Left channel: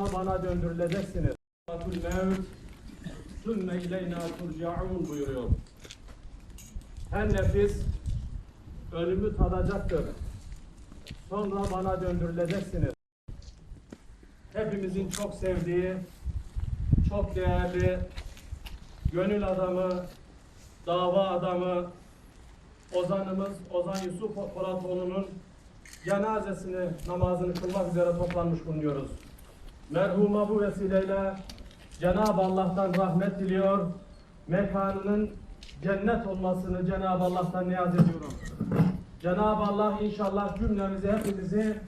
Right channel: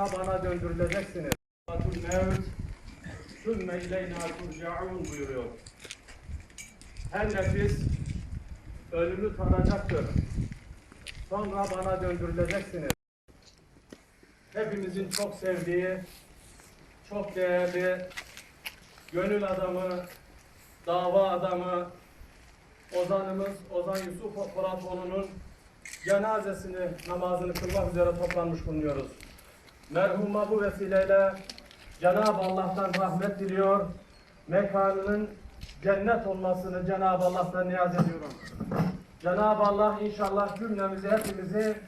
bana döndürüleceksiniz. Atul mevt sümme ileyna turcaun buyuruyor. Her nefis ölümü tadacaktır. Sonra bana döndürüleceksiniz. Hepimizin çok sevdiği, çok değerli, gönül adamı, dava adamı, Ozanımız Ozan Yusuf Poratoğlu'nun cenazesini, namazını kılmak üzere toplanmış bulunuyoruz. Merhuma bu vesileyle Cenab-ı Allah'tan rahmet diliyor. Mekanının cennet olmasını Cenab-ı Allah'tan niyaz ediyorum. Cenab-ı Allah inşallah cümlemizi, hepimizi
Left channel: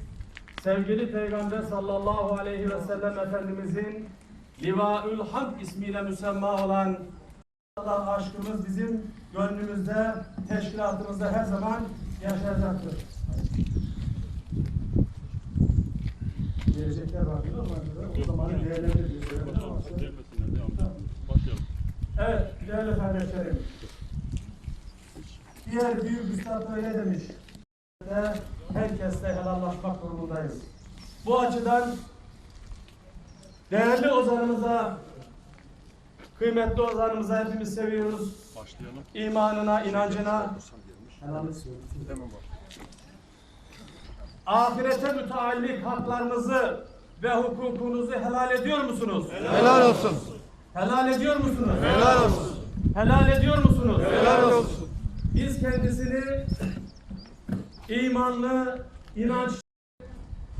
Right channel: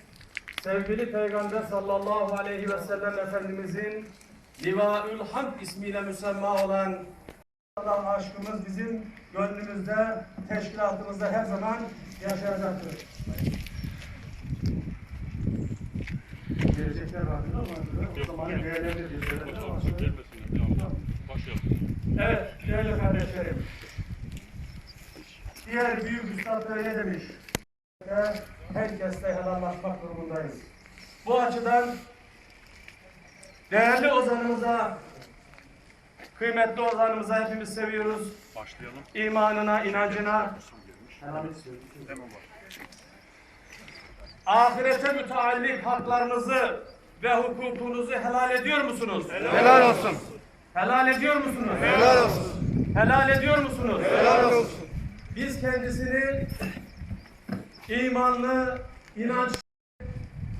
sevgili Peygamber sallallahu aleyhi ve sellem Efendimizin Livaül Hamd ismiyle müsemma olan Allah aşkımız bizim gönlümüzde, teşkilatımızda her zaman yaşayacaktır. Gelecekler? O zaman. Evet, değerli kardeşlerim. Diğer büyük üstad öyle demiş. Herkesle helallaşmak durumundayız. Bu açıdan değerli ozanımıza, kıymetli ozanımıza hepimiz seviyoruz. Başlayalım. İmanına, inancına, ahirete müteallik haklarınızı ve hukukunuzu helal ediyor musunuz? Helal olsun. Helal ediyor musunuz? Helal olsun. Helal ediyor musunuz? Helal olsun. Biz kendisini imanlı, inanç,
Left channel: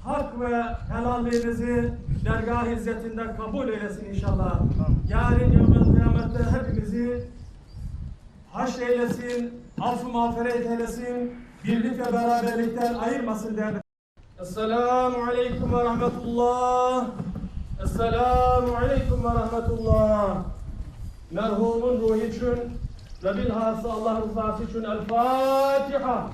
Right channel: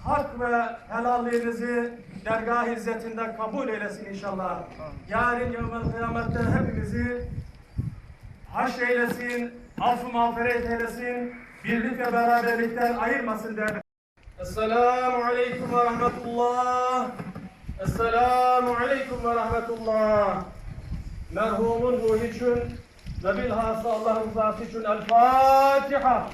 hak ve helalliğinizi dergah izzetinde kabul eylesin inşallah. Yarın yevmel kıyamette hepimizi haş eylesin, affı mağfiret eylesin, birlik ve beraberlikten ayırmasın değerli. Esselamu aleyküm ve rahmetullah. Esselamu aleyküm ve rahmetullah. Merhumun ruhu için ve bilhassa Allah rızası için El Fatiha.